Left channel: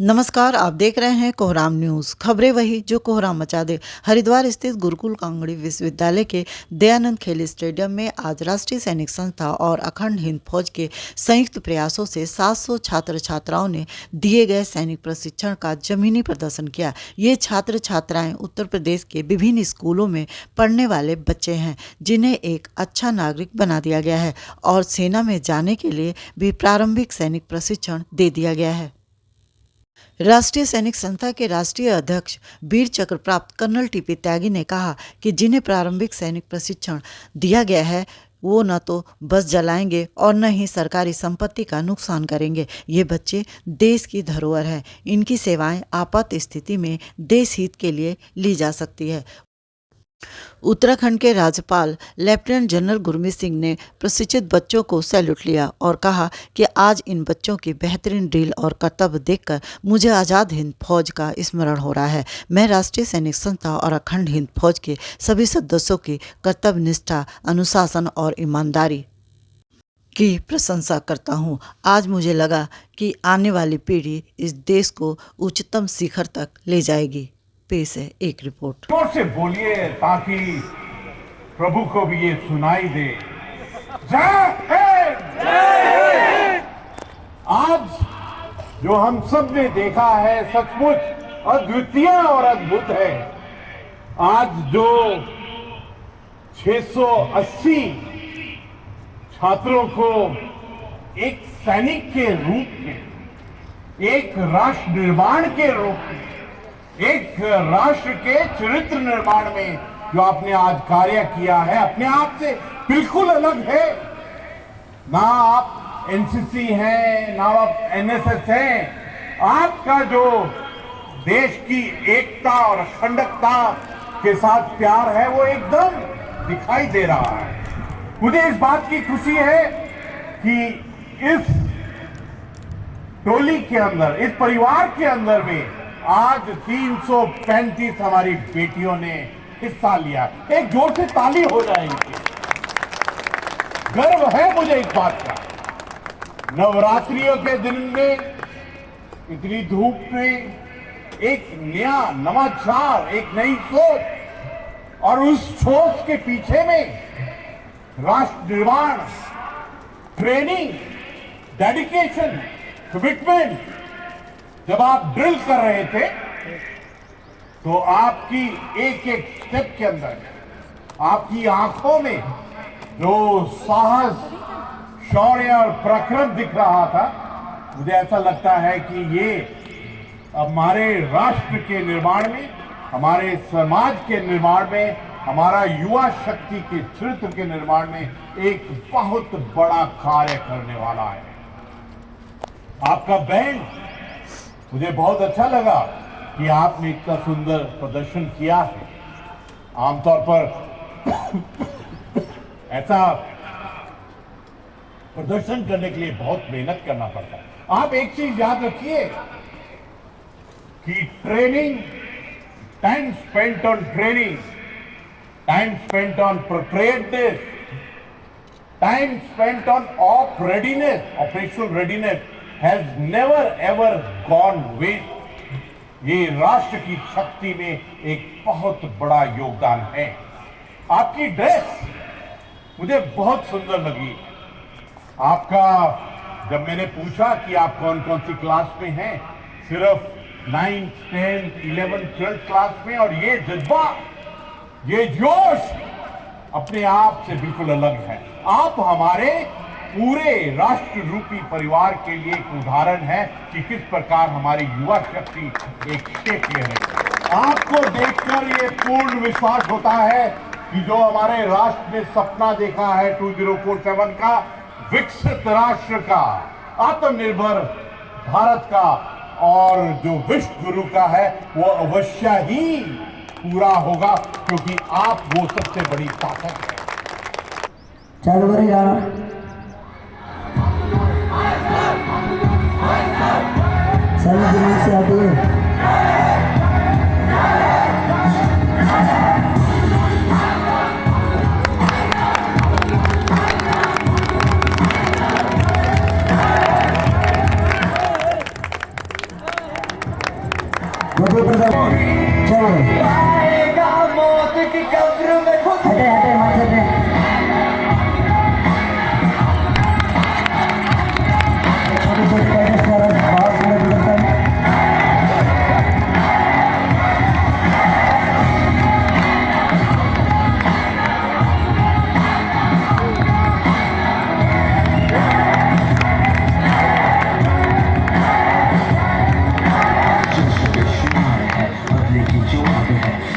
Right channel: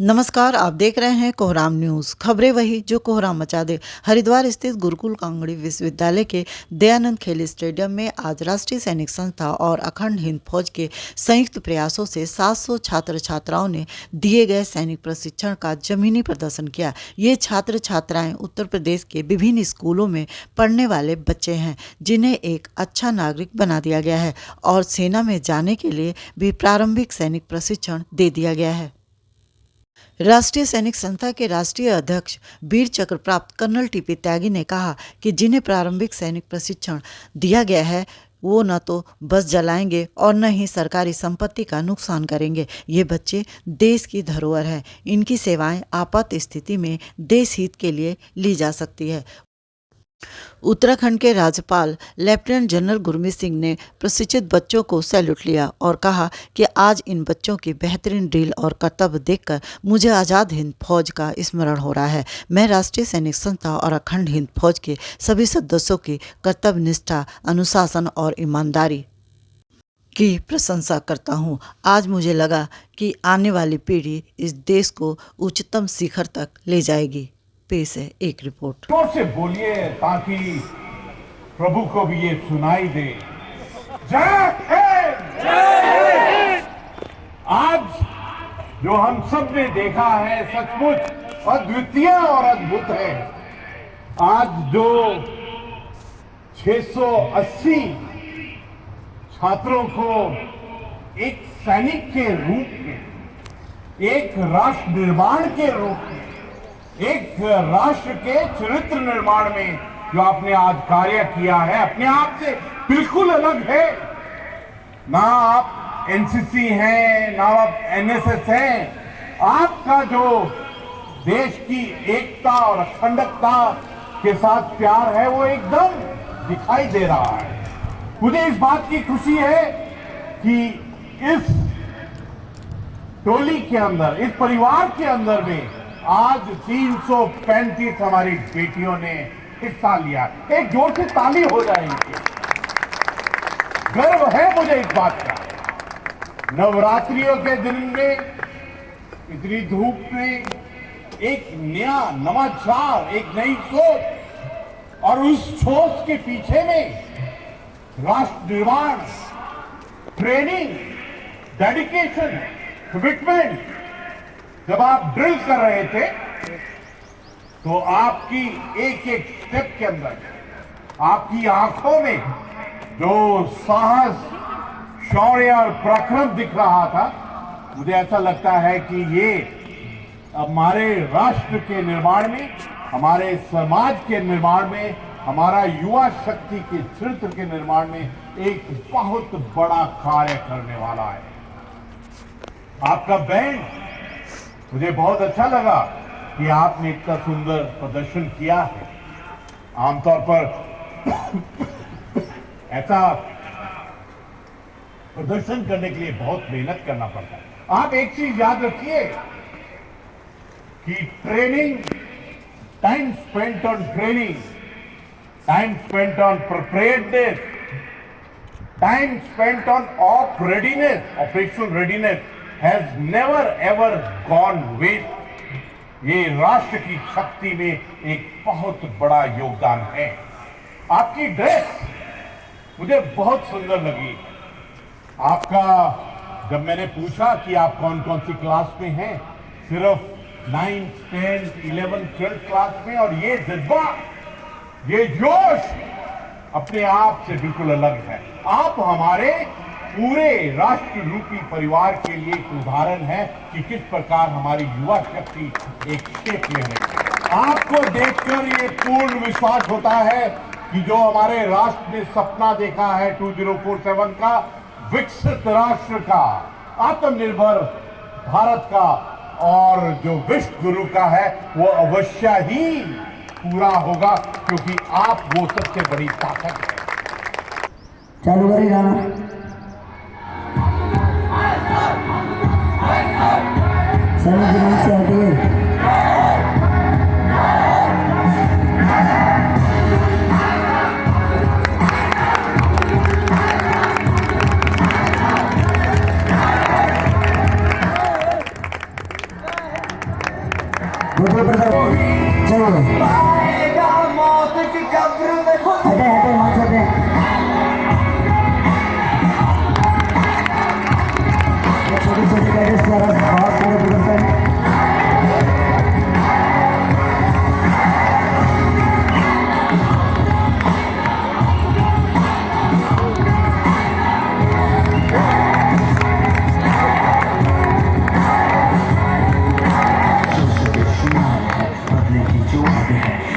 नमस्कार, आप देख रहे हैं कोहराम न्यूज़। खबरें वही जो कोहराम मचा दे। हरिद्वार स्थित गुरुकुल कांगड़ी विश्वविद्यालय के दयानंद खेल स्टेडियम में आज राष्ट्रीय सैनिक संस्था और अखंड हिंद फौज के संयुक्त प्रयासों से 700 छात्र छात्राओं ने दिए गए सैनिक प्रशिक्षण का जमीनी प्रदर्शन किया। ये छात्र छात्राएं उत्तर प्रदेश के विभिन्न स्कूलों में पढ़ने वाले बच्चे हैं, जिन्हें एक अच्छा नागरिक बना दिया गया है और सेना में जाने के लिए भी प्रारंभिक सैनिक प्रशिक्षण दे दिया गया है। राष्ट्रीय सैनिक संस्था के राष्ट्रीय अध्यक्ष वीर चक्र प्राप्त कर्नल टीपी त्यागी ने कहा कि जिन्हें प्रारंभिक सैनिक प्रशिक्षण दिया गया है वो न तो बस जलाएंगे और न ही सरकारी संपत्ति का नुकसान करेंगे। ये बच्चे देश की धरोहर है। इनकी सेवाएं आपात स्थिति में देश हित के लिए ली जा सकती है। उत्तराखंड के राज्यपाल लेफ्टिनेंट जनरल गुरमीत सिंह ने प्रशिक्षित बच्चों को सैल्यूट लिया और कहा कि आज इन बच्चों की बेहतरीन ड्रिल और कर्तव्य देखकर मुझे आज़ाद हिंद फौज का स्मरण हो रहा है। मैं राष्ट्रीय सैनिक संस्था और अखंड हिंद फौज के सभी सदस्यों की कर्तव्य निष्ठा, अनुशासन और ईमानदारी की प्रशंसा करता हूँ। आज मुझे लगा कि आने वाली पीढ़ी इस देश को उच्चतम शिखर तक ले जाएगी। पेश है एक रिपोर्ट। जोर से बोलिए ताकि प्रभु को भी ये सुनाई दे। जय हिंद। आज जो हम सब ने देखा है सचमुच अद्वितीय और अद्भुत है। आज जो 680 छात्रों को एक सैनिक के रूप में, एक राष्ट्र निर्माण के रूप में, एक राष्ट्र के चरित्र निर्माण में जो आपने आज कार्य किया है, अपने आप से बिल्कुल अलग है। ना आप एनसीसी हैं, ना आप एनएसएस हैं। आपका जो देश की एकता और अखंडता के साथ प्यार है वो एकदम दिखाई दे रहा है। मुझे इस बात की खुशी है कि इस टोली के अंदर, इस परिवार के अंदर में आज 335 हमारी बेटियों ने हिस्सा लिया। एक जोर से ताली हो जाएगी। गर्व है मुझे इस बात का। नवरात्रियों के दिन में इतनी धूप में एक नया नवाचार, एक नई सोच और उस सोच के पीछे में राष्ट्र निर्माण, ट्रेनिंग, डेडिकेशन, कमिटमेंट। जब आप ड्रिल कर रहे थे तो आपकी एक एक स्टेप के अंदर, आपकी आंखों में जो साहस, शौर्य और पराक्रम दिख रहा था, मुझे ऐसा लगता है कि ये हमारे राष्ट्र के निर्माण में, हमारे समाज के निर्माण में, हमारा युवा शक्ति के चरित्र के निर्माण में एक बहुत बड़ा कार्य करने वाला है। आपका बैंड मुझे बहुत अच्छा लगा कि आपने इतना सुंदर प्रदर्शन किया है। आमतौर पर ऐसा प्रदर्शन करने के लिए बहुत मेहनत करना पड़ता है। आप एक चीज याद रखिए कि training, time spent on training, time spent on preparedness, time spent on off readiness, operational readiness has never ever gone waste। ये राष्ट्र की शक्ति में एक बहुत बड़ा योगदान है। आपकी ड्रेस मुझे बहुत सुंदर लगी। आपका, जब मैंने पूछा कि आप कौन कौन सी क्लास में हैं, सिर्फ 9th, 10th, 11th, 12th class में, और ये जज्बा, ये जोश अपने आप से बिल्कुल अलग है। आप हमारे पूरे राष्ट्र रूपी परिवार के लिए एक उदाहरण है कि किस प्रकार हमारी युवा शक्ति एक शेप ले रही है। आपको देखकर ये पूर्ण विश्वास होता है कि जो हमारे राष्ट्र ने सपना देखा है 2047 का, विकसित राष्ट्र का, आत्मनिर्भर भारत का, और जो विश्व गुरु का है, वो अवश्य ही पूरा होगा, क्योंकि आप वो सबसे बड़ी ताकत है। जनवरी से आते हैं। आते हैं